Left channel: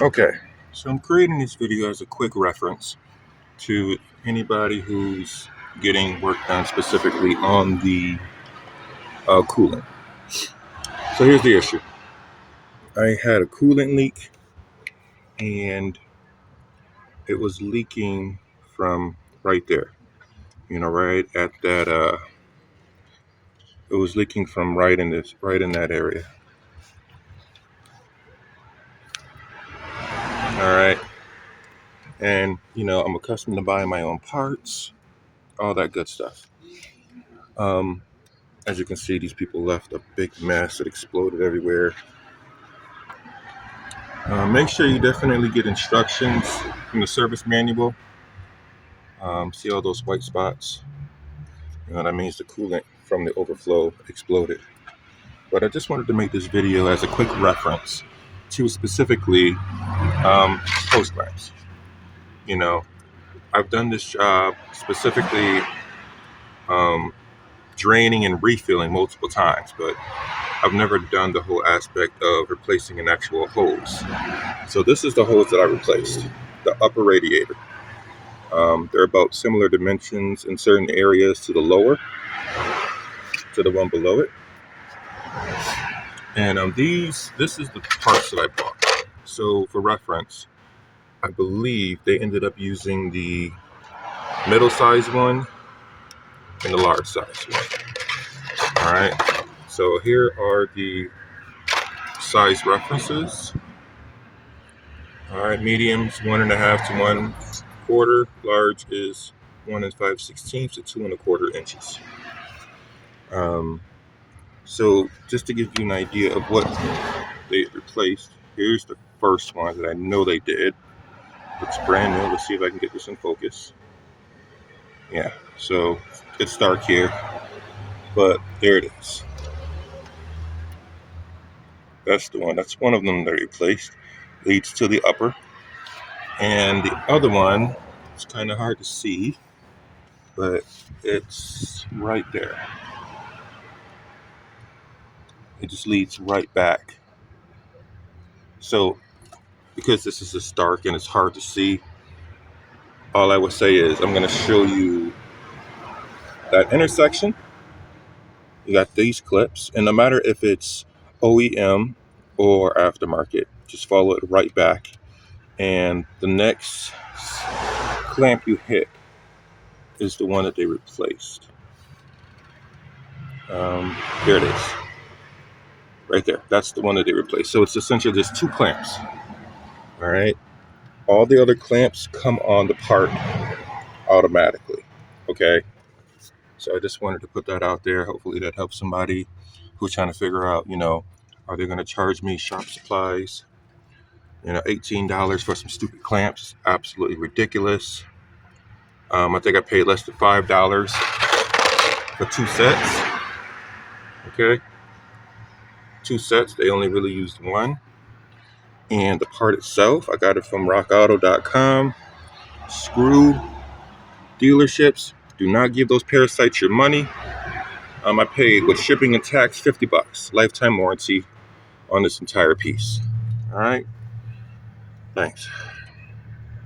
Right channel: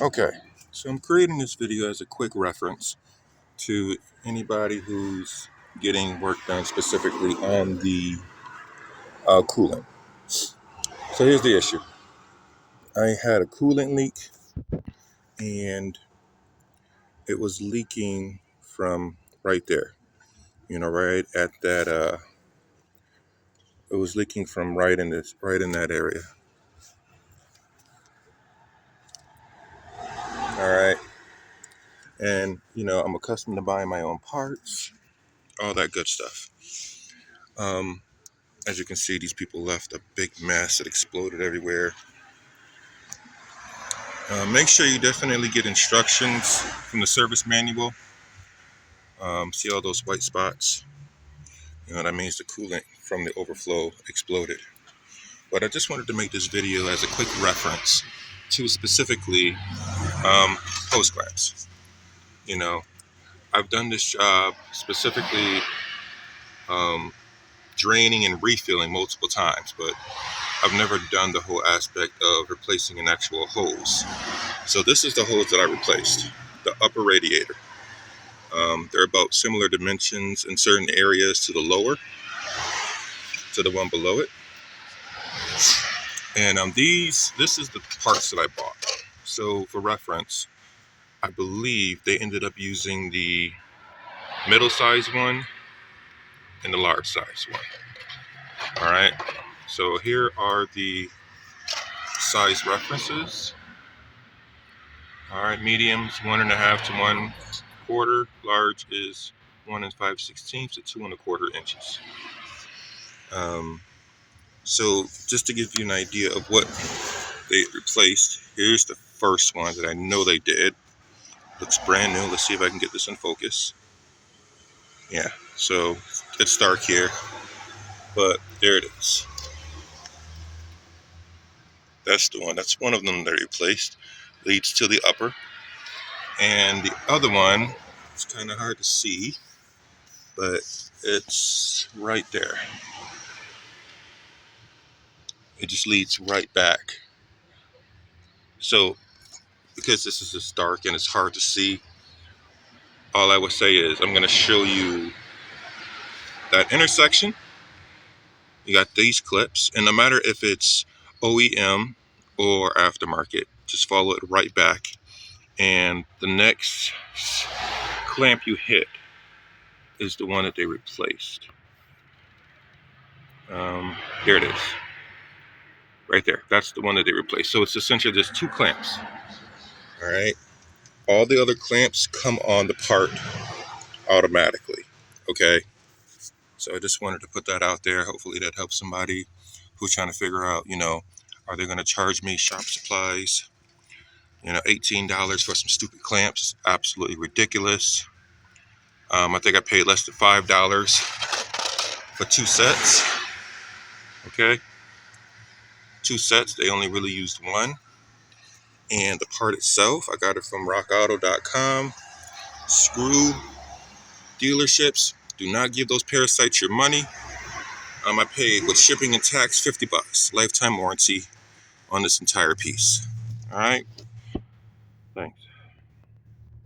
Okay, so I'm creating this video as a quick reference to anybody who's getting work done specifically on the coolant. So here's the issue. I had a coolant leak and it was leaking from right there, right at that, it was leaking from right in that area. All right. And, I'm accustomed to buying my own parts, all that good stuff. As you can see, these people left a big mess. It exploded everywhere. Make sure you definitely get instructions from the service manual. See all those white spots? That means the coolant from the overflow exploded. But I just wanted to make this video as a quick reference to specifically hose clamps. I've done this job specifically draining and refilling multiple times, but I've never done the whole aspect of replacing an actual hose. So this is the hose that I replaced, the upper radiator. They're about similar dimensions in certain areas to the lower, to the one below it. And this is the parts that I bought. So for reference, I believe they ended up using the middle size one and the large size one. All right. So here are the size references. All right, mediums 1.5 to 1/4. Large is 1 5/16 to 2 1/4 inches. So just to give you an idea of what they replaced, here's the first one that I know they did. Looks brand new. Let's see if I can get this in focus. Yeah, so it's dark here, but there it is. That's the one. That's one of them they replaced. Leads to the upper. And the other one, it's kind of hard to see, but it's right there. It just leads right back. So because this is just dark and it's hard to see, all I would say is I'm going to show you that intersection. You got these clips, and no matter if it's OEM or aftermarket, just follow it right back. And the next clamp you hit is the one that they replaced. Here it is. Right there. That's the one that they replaced. So it's essentially just 2 clamps. All right. All the other clamps come on the part automatically. Okay. So I just wanted to put that out there. Hopefully that helps somebody who's trying to figure out, are they going to charge me shop supplies? $18 for some stupid clamps. Absolutely ridiculous. I think I paid less than $5 for 2 sets. Okay. 2 sets. They only really used one. And the part itself, I got it from rockauto.com. Screw dealerships. Do not give those parasites your money. I paid with shipping and tax $50. Lifetime warranty on this entire piece. All right. Thanks.